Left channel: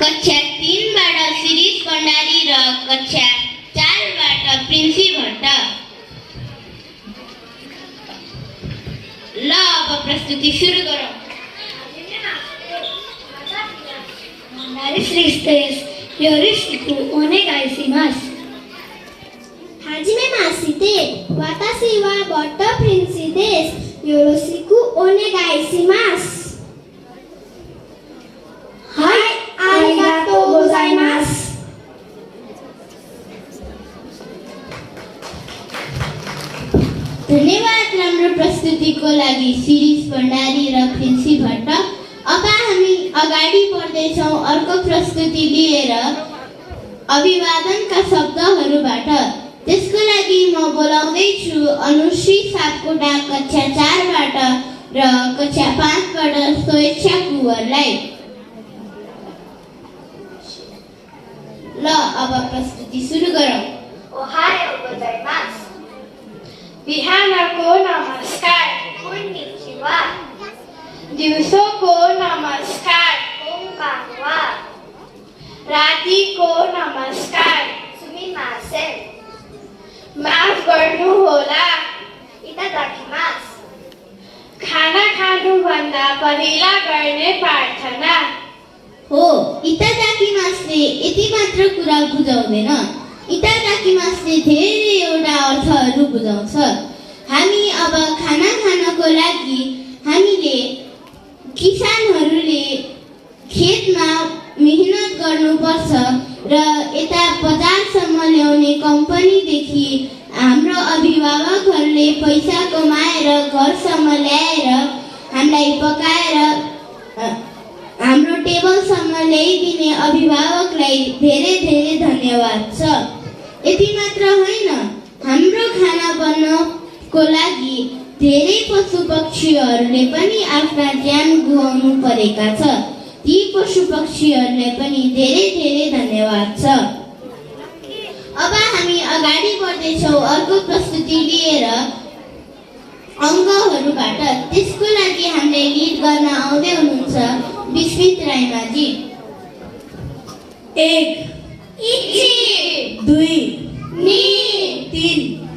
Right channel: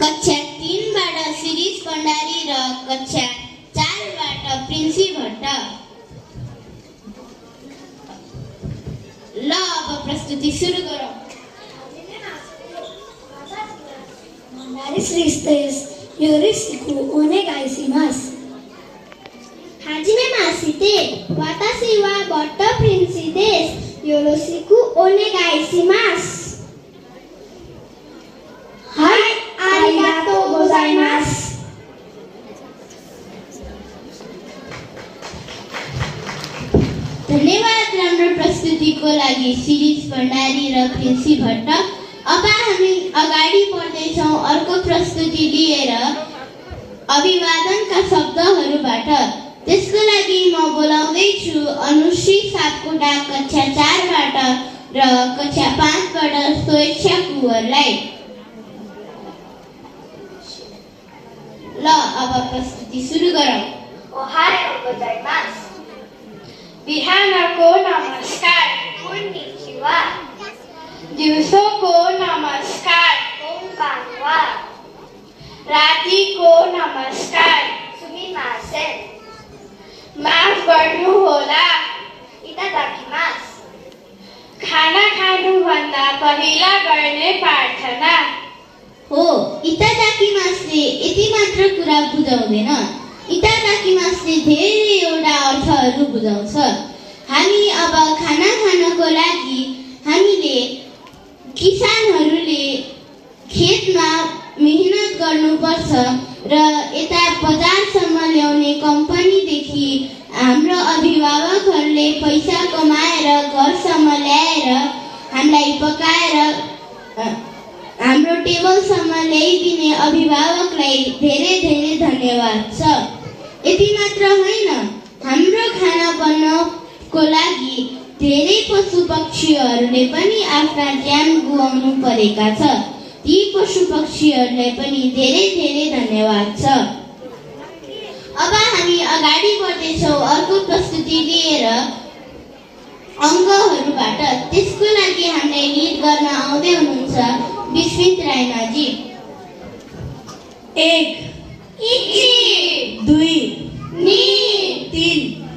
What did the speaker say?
कक्षा 3 बाट शिरीष भण्डारी र कक्षा 4 बाट प्रिन्सी भट्ट। ल अब प्रस्तुति सुरु गरौँ। Tristes, yorisiku onegaishimasu. Hajime mashite, watashi wa Botta Prince desu. Yoroshiku onegaishimasu. Hai, arigatou gozaimasu. धन्यवाद राम्रो प्रस्तुतिको लागि शिरीष भण्डारी र प्रिन्सी भट्ट। अब हामी अगाडि बढ्दैछौँ अर्को प्रस्तुति लिएर अभिवादनका शब्दहरूबाट। त्यसको लागि म बोलाउँदैछु अनुश्री सापकोटा कक्षा 4 बाट र कक्षा 5 बाट स्वेच्छा कुँवरलाई। ल अब प्रस्तुति सुरु गरौँ। Ohayou gozaimasu. बिहानको नमस्कार, Konnichiwa. दिउँसोको नमस्कार, Konbanwa. रातिको नमस्कार, Sumimasen. माफ गर्नुहोला। Itadakimasu. खाना खानुभन्दा पहिला गर्ने प्रार्थना हो। इतादाकिमासले यति मात्र कुरा बुझाउँदैन, इतादाकिमासले धेरैवटा अर्थहरू बुझाउँछ। हामी अब खाना खानको लागि हामीले किसानहरूले खेतमा मेहनत गर्नुपर्छ र यता बजारसम्म ल्याउने कम्पनीदेखि हाम्रो अभिभावकहरूले पैसा कमाएर घरसम्म ल्याएर हामीलाई पकाएर हाम्रो टेबलसम्म ल्याइदिने अभिभावकलाई धेरै धेरै धन्यवाद छ। यति मात्र होइन, हाम्रो खाना बन्नको लागि धेरै पशु पक्षीहरूले पनि आफ्ना ज्यान गुमाउनु परेका छ। ती पशु पक्षीहरूलाई पनि धेरै धेरै धन्यवाद छ। अब हामी अगाडि बढ्दैछौँ अर्को प्रस्तुति लिएर अङ्गहरूबाट। त्यसको लागि हामीलाई लिड गर्न आउँदै हुनुहुन्छ विस्मित राईमाझी। 1 Ichi. 2 Ni. 3